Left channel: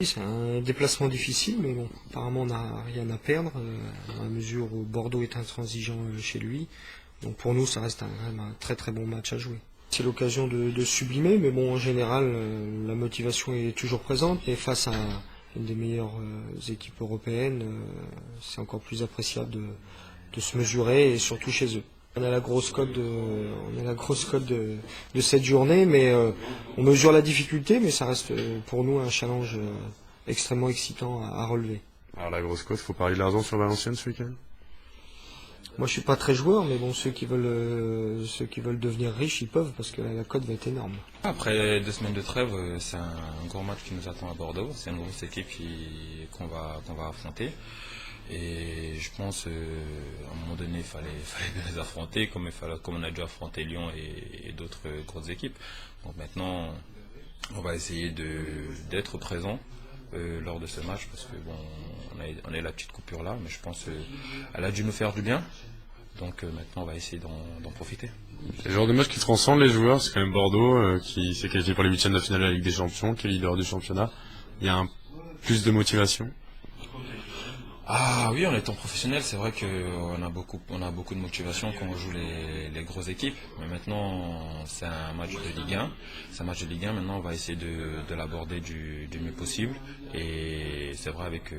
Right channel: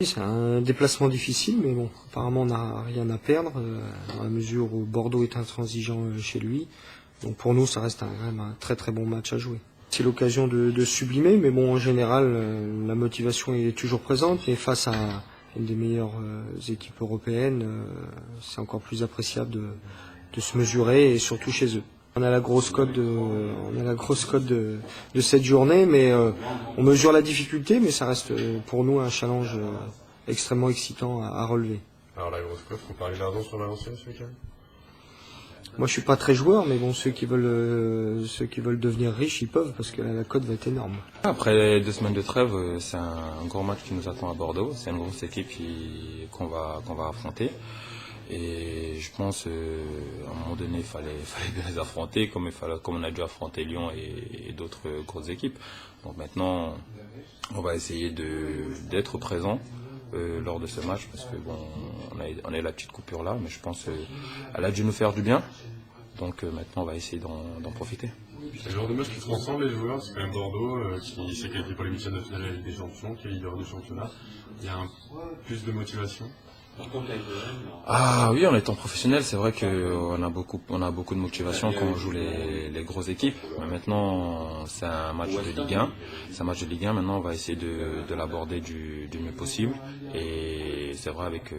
C'est un déplacement difficile, mais bon, apparemment on n'a rien à perdre, dans la mesure où Bordeaux est intransigeant chez lui. Donc pour nous, ça reste même un très très bon match à jouer. C'est l'occasion de sublimer, mais bon, en général, la motivation est toujours présente, mais face à une des meilleures équipes européennes, c'est encore plus appréciable de se mesurer, et surtout chez eux. On a la grosse cote de cette journée, mais on mesure la difficulté, mais ça reste pour nous un challenge extrêmement excitant à relever. Alors la grosse cote, faut parler de l'argent sur Valenciennes ce week-end. Moi je suis pas très joueur, mais bon, ceux qui veulent devenir riches, ils peuvent, parce que la cote va être énorme. Après 2 semaines de trêve, c'est un gros match qui nous attend à Bordeaux. C'est une grosse équipe qu'on va affronter. Et je pense à un moment donné, il fallait bien les affronter, comme on a dû affronter Lyon et d'autres grosses équipes. Donc maintenant, on va essayer d'être présent lors de ce match, parce que bon, on a eu la petite coupure là, mais je pense qu'elle a dû nous faire du bien. Donc maintenant, on va essayer d'en profiter. C'est le genre de match qui transcende les joueurs, c'est quand même Bordeaux qui s'est qualifié pour les huitièmes de finale de la Ligue des Champions, qui est leader du championnat. Il y a plus de motivation. Ah oui, en étant professionnel, c'est vrai qu'on a beaucoup de motivation quand on joue les grosses équipes. Mais maintenant, c'est un match de Ligue 1. C'est un match de Ligue 1. Maintenant, on va essayer de l'aborder du mieux possible. Et c'est vrai, avec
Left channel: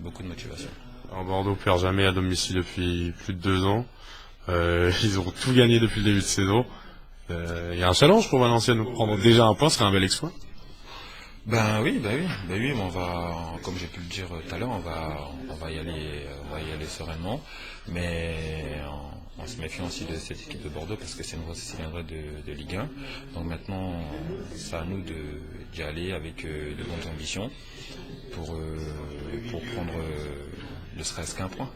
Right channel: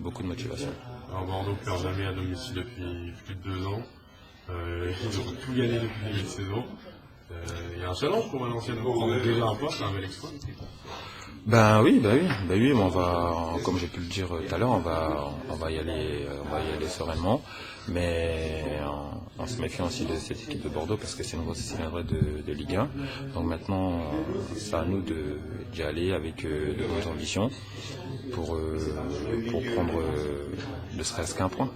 beaucoup de motivation. Alors Bordeaux perd jamais à domicile depuis plus de 2 ans. Ils ont tout gagné depuis le début de saison. Il y a un challenge pour Valenciennes. Prendre déjà un point, ce serait un bel exploit. Ben oui, on va, comme j'ai pu le dire tout à l'heure, on va y aller sereinement, mais en se méfiant aussi de cette équipe de Bordeaux, parce que c'est une vraie de Ligue 1. Donc maintenant, c'est à nous d'y aller avec de bonnes ambitions pour prendre ne serait-ce qu'un point.